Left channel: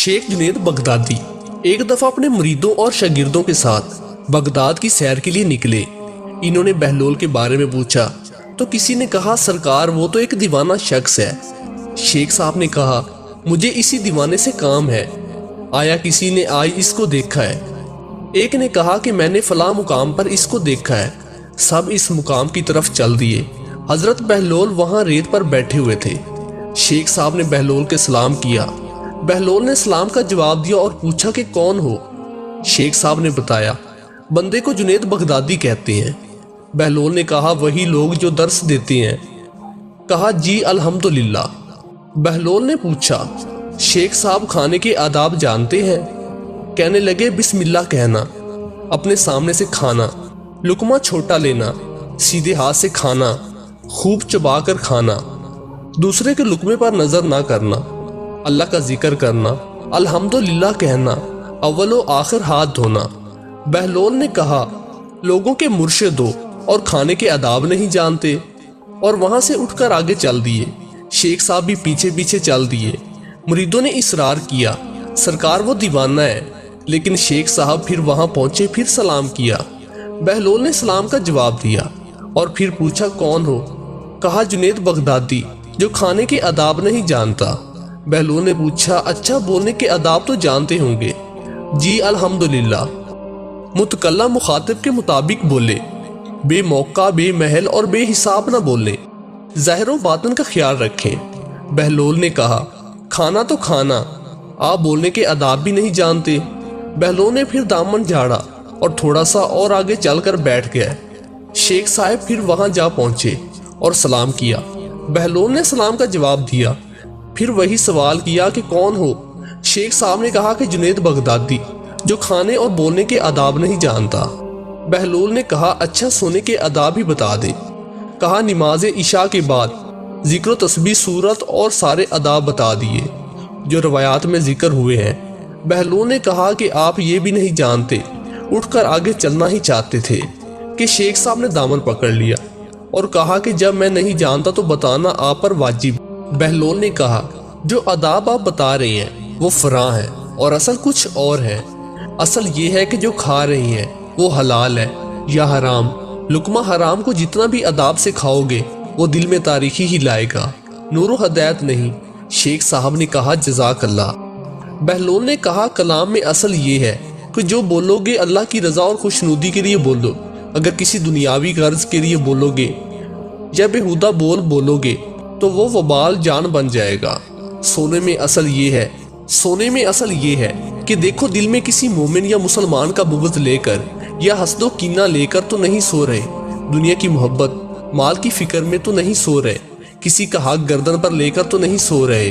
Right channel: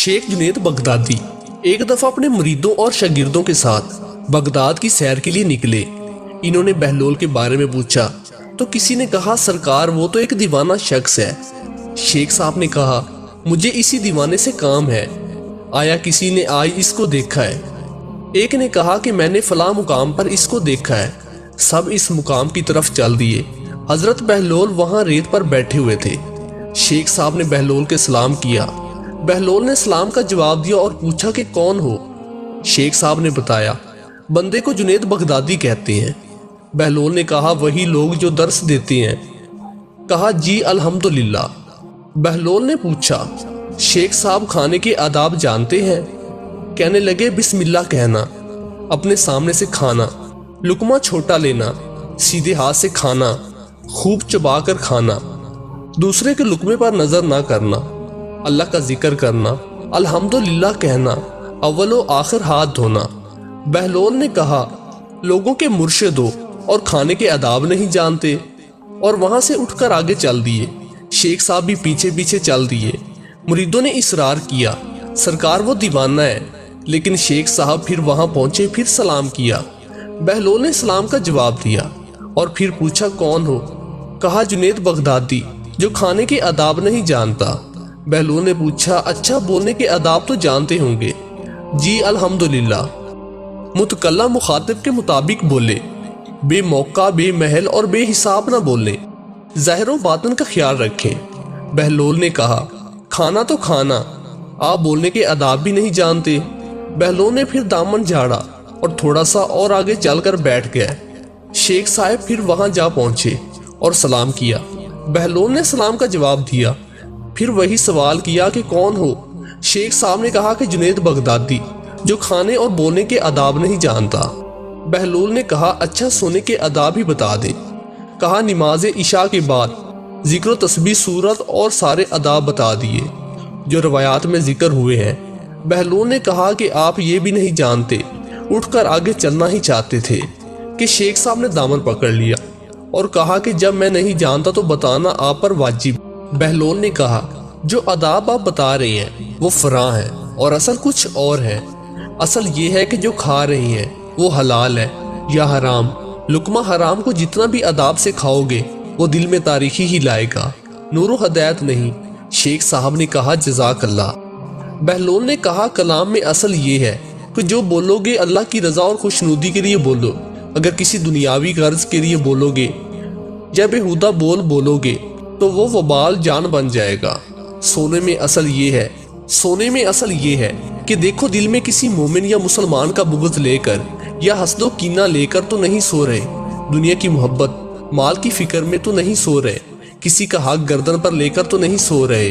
Sheikh Junaid Baghdadi एक दफा अपने मुरीदों और शागिर्दों के साथ बगदाद की सैर के लिए निकले। इन्होंने बहलूल के बारे में पूछा तो किसी ने कहा, सरकार वो तो एक दीवाना शख्स है। शेख साहब ने कहा, मुझे इसी दीवाने से काम है, आया किसी ने आज इसको देखा है? एक ने कहा कि मैंने फला मुकाम पर इसको देखा है। सब इस मुकाम की तरफ चल दिए। हजरत बहलूल वहां रेत पर बैठे हुए थे। शेख साहब ने बहलूल के सलाम किया। बहलूल ने सलाम का जवाब दिया और पूछा कि कौन हो? शेख साहब ने बताया, बंदे को जुनैद बगदादी कहते हैं। बहलूल ने कहा, वही लोग जो दर्स देते हैं? कहा, जी अल्हम्दुलिल्लाह। बहलूल ने पूछा, शेख साहब खाने के आदाब जानते हैं? कहने लगे, बिस्मिल्लाह कहना, अपने सामने से खाना, लुकमा छोटा लेना, सीधे हाथ से खाना, खूब चबा कर खाना, दूसरे के लुकमे पर नजर ना करना, अल्लाह का जिक्र करना, अल्हम्दुलिल्लाह कहना, अव्वलो आखिर हाथ धोना। बहलूल ने कहा, लोगों के मुर्शिद हो और खाने के आदाब नहीं जानते? और वहां से उठकर आगे चल दिए। शेख साहब भी पीछे पीछे चल दिए। मुरीदों ने इसरार किया, सरकार वो दीवाना है। लेकिन शेख साहब फिर वहां पहुंचे, फिर सलाम किया। बहलूल ने सलाम का जवाब दिया और फिर पूछा, कौन हो? कहा, जुनैद बगदादी, जो खाने के आदाब नहीं जानता। बहलूल ने पूछा, अच्छा बोलने के आदाब तो जानते होंगे? जी अल्हम्दुलिल्लाह। मुतकल्ला मुखातिब के मुताबिक बोले, बेमौका बेमहल और बेहिसाब ना बोले, ज़ाहिर व बातिन का ख्याल रखें। बहलूल ने कहा, खाना तो खाना, आप बोलने के आदाब भी नहीं जानते। बहलूल ने फिर दामन झाड़ा और थोड़ा सा और आगे चलकर बैठ गया। शेख साहब फिर वहां जा पहुंचे और सलाम किया। बहलूल ने सलाम का जवाब दिया। फिर वही सवाल किया कि कौन हो? शेख साहब ने कहा कि जुनैद बगदादी, जो खाने और बोलने के आदाब नहीं जानता। बहलूल ने कहा, अच्छा सोने के आदाब भी बता दे। कहा, नमाज इशा के बाद जिक्र तस्बीह सूरत और सारे आदाब बता दिए जो रवायात में जिक्र हुए हैं। बहलूल ने कहा कि आप ये भी नहीं जानते। उठकर आगे चलना ही चाहते थे कि शेख साहब ने दामन पकड़ लिया और कहा कि जब मैं नहीं जानता तो बताना आप पर वाजिब। बहलूल ने कहा, जो आदाब आप बता रहे हैं वो फरां है और असल कुछ और है। असल ये है कि जो खा रही हैं वो हलाल है या हराम। लुकमा हराम को जितना भी अदाब से खाओगे वो दिल में तारीखी ही लाएगा, नूरो हदायत नहीं। शेख साहब ने कहा, जज़ाक अल्लाह। बहलूल ने कहा, कलाम में असल ये है कि जो बोलोगे अल्लाह की रजा और खुशनुदी के लिए बोलो। अगर किसी दुनियावी गर्ज के लिए बोलोगे या बेहुदा बोलोगे तो वो वबाल जान बन जाएगा। सोने में असल ये है कि देखो, दिल में किसी मोमिन या मुसलमान का बुग़्ज़ लेकर या हसदो कीना लेकर तो नहीं सो रहे। दुनिया की मोहब्बत माल की फिक्र में तो नहीं सो रहे। किसी का हक गर्दन पर लेकर तो नहीं सो रहे।